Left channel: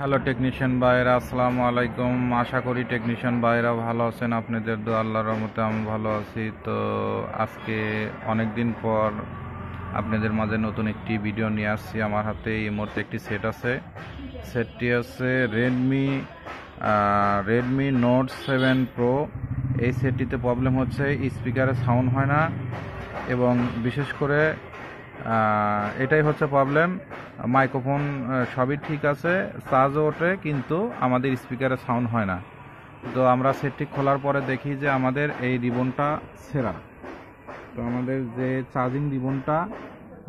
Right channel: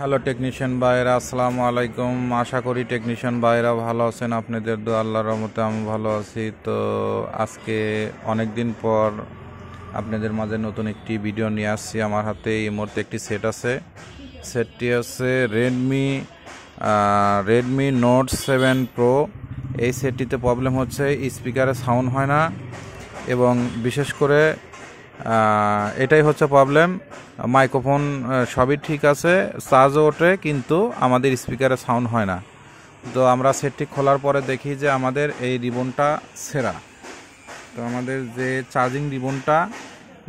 Hello technician ভাইরা, আসসালামু আলাইকুম। আশা করি টেকনিশিয়ান ভাইরা ভালো আছেন। আপনাদের দোয়া আল্লাহর রহমতে আমি ভালো আছি। তো আজকে অনেক দিন পর আপনাদের মাঝে নতুন একটি ভিডিও নিয়ে আসছি। আমার হাতে এই মুহূর্তে একটি সেট আছে। সেটটি হচ্ছে রেডমি নোট 7 প্রো। এই সেটটিতে প্রবলেম হচ্ছে স্পিকারে সাউন্ড হয় না, এবং বিশেষ করে এটাই হচ্ছে প্রবলেম। মাইক্রোফোন সবই ঠিক আছে, চার্জও ওঠে, কিন্তু আমাদের স্পিকারে সাউন্ড হয় না। তো আমরা সেটটি খোলার পরে দেখি যে আমাদের এই রিবনটা ছেঁড়া। তো আমাদের যে চার্জিং রিবনটা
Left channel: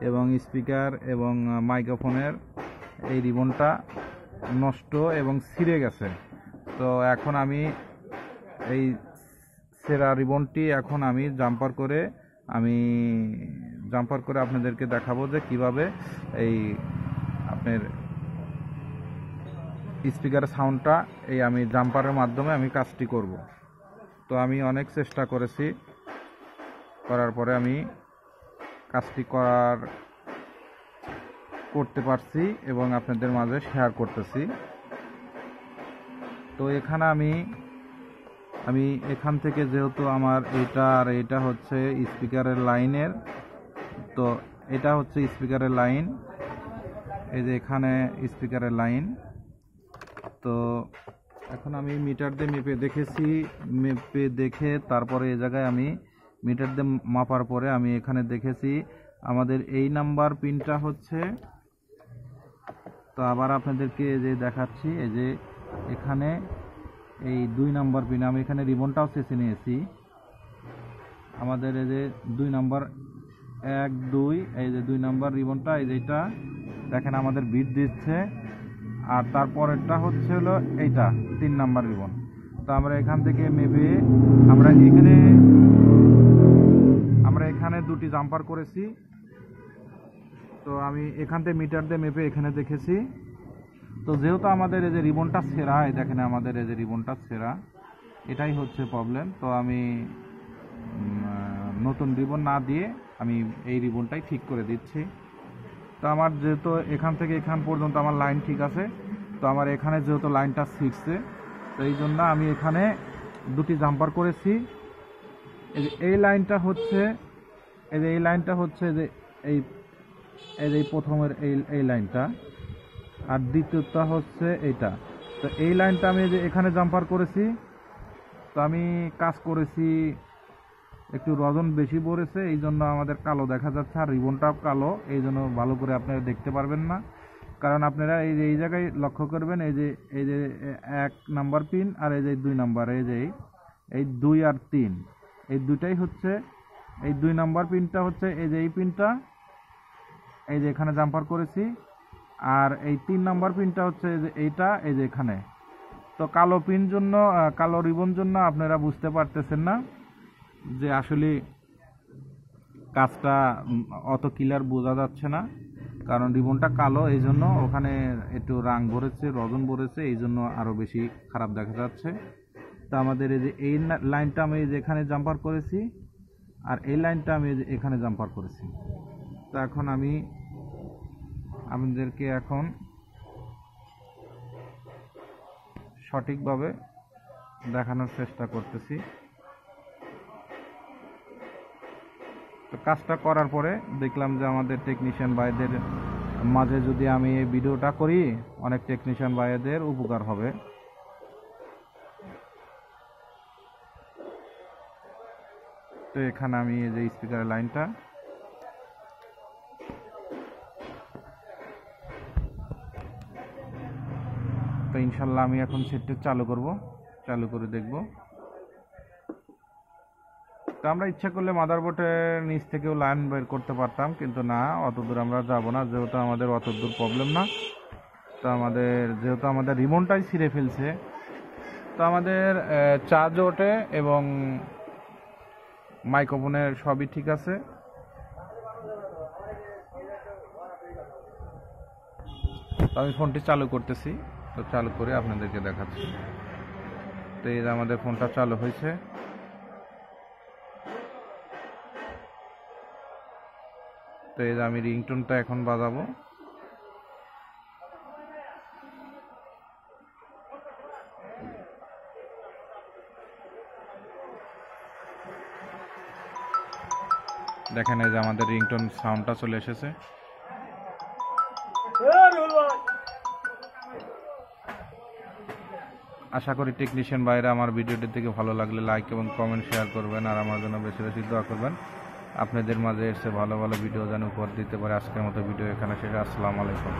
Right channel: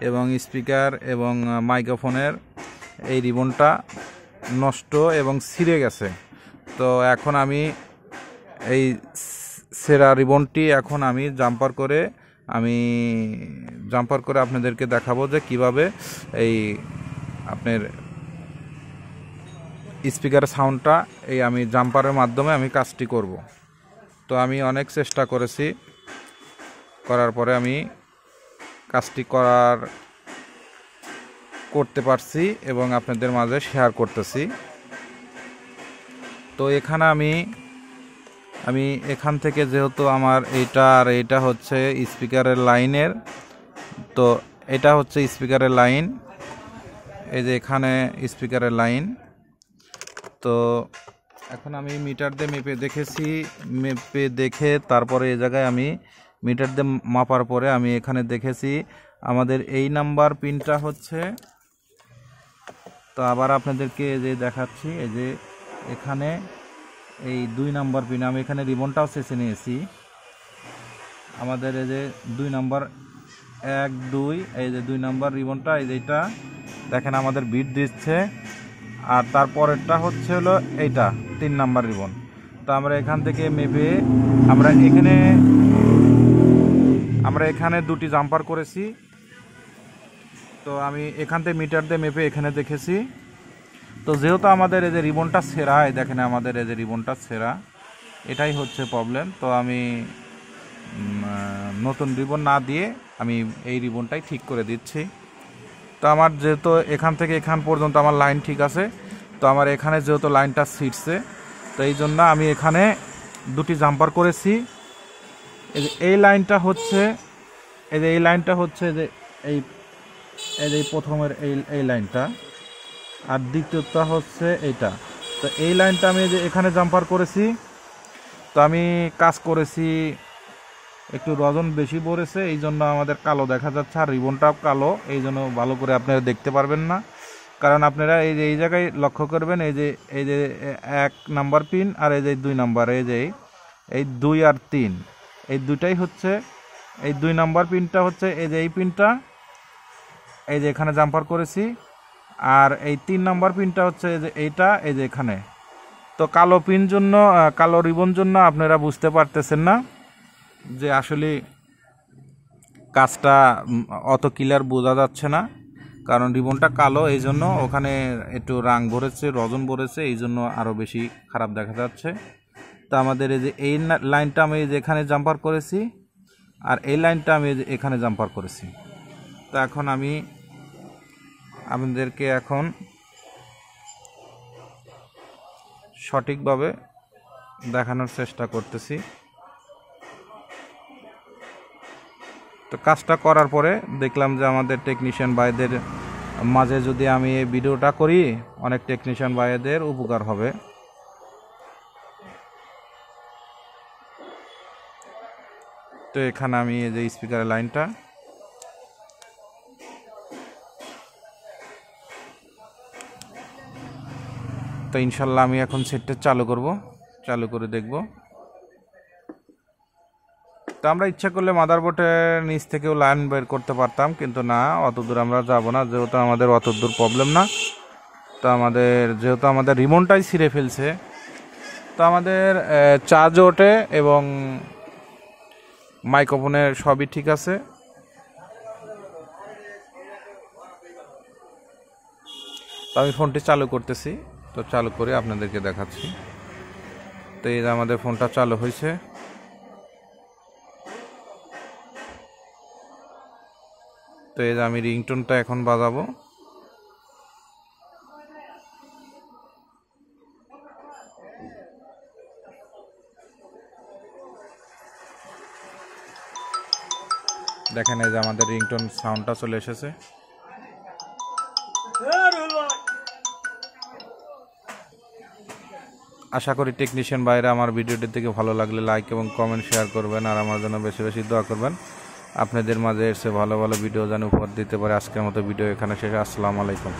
এবং স্পিকার এবং মাইক্রোফোনের এই রিবনটা নষ্ট এবং ছিঁড়ে গেছে। তো এখন আমি এই ছেঁড়া রিবনটি এখন আমি জাম্পার করে আপনাদেরকে দেখাবো যে কিভাবে এই আপনার স্পিকারের সাউন্ডটা আমি জাম্পারের মাধ্যমে আমি কাজটি করব। তো আমি অনেক চেষ্টা করেছি, করার পরে আমি কাজটি করতে পারছি এবং আপনাদের মাঝে শেয়ার করতেছি। তো এখানে আমি এখান থেকে, যেহেতু আমার এইটা হচ্ছে স্পিকারের লাইনের, তো এটা হচ্ছে স্পিকারের লাইন। এই যে এখানে স্পিকারের লাইন। তো এখন আমি মিটার দিয়ে মেপে দেখে তারপরে এই জায়গায় আমি মিটার দিয়ে মাপার পরে আমি এখানে দেখেছি আমাদের এই নাম্বার পিনটা হচ্ছে। তো আবার আপনাদেরকে যে দেখাচ্ছি, এই যে এখানে এই 2 নাম্বার পিন, আমি এখানে রিবনটাও চেঁচে নিয়েছি। আমাদের এই যে 2 নাম্বার 1 2, এই যে 2 নাম্বার রিবনটা, এই যে এটা দেখেন আমাদের বিট দিচ্ছে। আর তারপরেরটা হচ্ছে হলো এইটা 3 নাম্বার রিবন। তো আমরা এখান থেকে মেপে আমরা এখানে 2টি জাম্পার করেছি। তো আমি এখান থেকে মিটার দিয়ে মেপে এখানে দেখেছি। তো যেহেতু আমাদের এই যে রিবনটা ছেঁড়া, এই দেখেন আমাদের এই যে রিবনটা ছেঁড়া, এটাই হচ্ছে প্রবলেম। তো আমি নতুন রিবন না দিয়ে আমি এই রিবনটাই ঠিক করে দিচ্ছি। তো আমার যেহেতু এখান থেকে এখান পর্যন্ত আমার লাইন ঠিক আছে, তো আমার এখানে যেহেতু লাইনটা ছিটছে, তো এই জন্য আমি এখানে 2টি জাম্পার করেছি। এই লাইনটা হচ্ছে যে এই প্রথমের এই লাইনটা, আর দ্বিতীয়টা হচ্ছে এইটা। তো এই লাইনটা আমি যে এখানে জাম্পার করেছি। তো আমি কাজ করেছি, একটু রজন বেশি পড়েছে, এই জন্য আমাদের কালো দেখা যাচ্ছে, আর রিবনটাও কালো, এই জন্য ভালো করে আপনারা দেখতে পারবেন না। কারণ আপনারা এই জায়গায় লক্ষ্য করবেন, এই যে 1 নাম্বার পিন আর এই যে 2 নাম্বার, এই 2 আর 3, এই দুটাই হচ্ছে, এই 2 নাম্বার পিনটা হচ্ছে এই যে এই পিনটা, এই যে এখানে জাম্পার করেছি। আর এই 3 নাম্বার পিনটা হচ্ছে এই যে এই যে এখানে। তো কালো রিবন জন্য আপনারা বুঝতে পারতেছেন না যে আসলে কাজটা অত ক্লিয়ার বোঝা যাচ্ছে না, কারণ রিবনটা কালো, এই জন্য ওখানে একটু রাং ভরেছে, রজন ভরেছে, এই জন্য আরও বেশি খারাপ দেখা যাচ্ছে। তো আমাদের এই লাইনটা আমি যেখানে জাম্পার করেছি, আর এই লাইনটা আমি এখানে জাম্পার করেছি। তো এখন আমি আপনাদেরকে এখন সঠিকভাবে দেখানোর চেষ্টা করতেছি। তো কাজটা করার পরে দেখলাম যে আমাদের টেকনিশিয়ান ভাইদের মাঝে যদি আমি এই ভিডিওটা করি, অনেক টেকনিশিয়ান ভাইদের উপকার হবে। তো এখানে আমি এই যে স্পিকারের লাইনটা, তো ইনশাল্লাহ আমি এখন সেটটা চালু করে দেখব। তো আমরা ইচ্ছা করলে মাদারবোর্ডের নিচ থেকেও লাইন বের করতে পারতাম, কিন্তু না, অত দূর আমরা যাব না, যেহেতু আমাদের অত দূর প্রবলেম না। তো যেহেতু আমাদের রিমোটটাই ছিঁড়ে ফেলছে, তো আমাদের চার্জ ওঠে এবং মাইক্রোফোনের সবই ঠিক আছে। তো আমি ফোনটি চালু করতেছি, তো চালু করে আপনাদেরকে দেখাচ্ছি। তো এই যে আমাদের ফোনটা চালু হয়েছে। তো এই যে আমি রিংটোনটা এখন বাজাবো। দেখেন এই যে আমাদের রিংটোন সাউন্ডটা চলে এসেছে। আশা করি টেকনিশিয়ান বাইরে আমার ভিডিওটির থেকে ভালো লাগলে লাইক এবং কমেন্ট শেয়ার করবেন, আর আমার জন্য বেশি বেশি দোয়া করবেন। আপনাদের মাঝে এসে ভালো ভালো ভিডিও যেন উপহার দিতে পারে। আজকের মতো ভিডিও এখানে শেষে। আসসালামু আলাইকুম।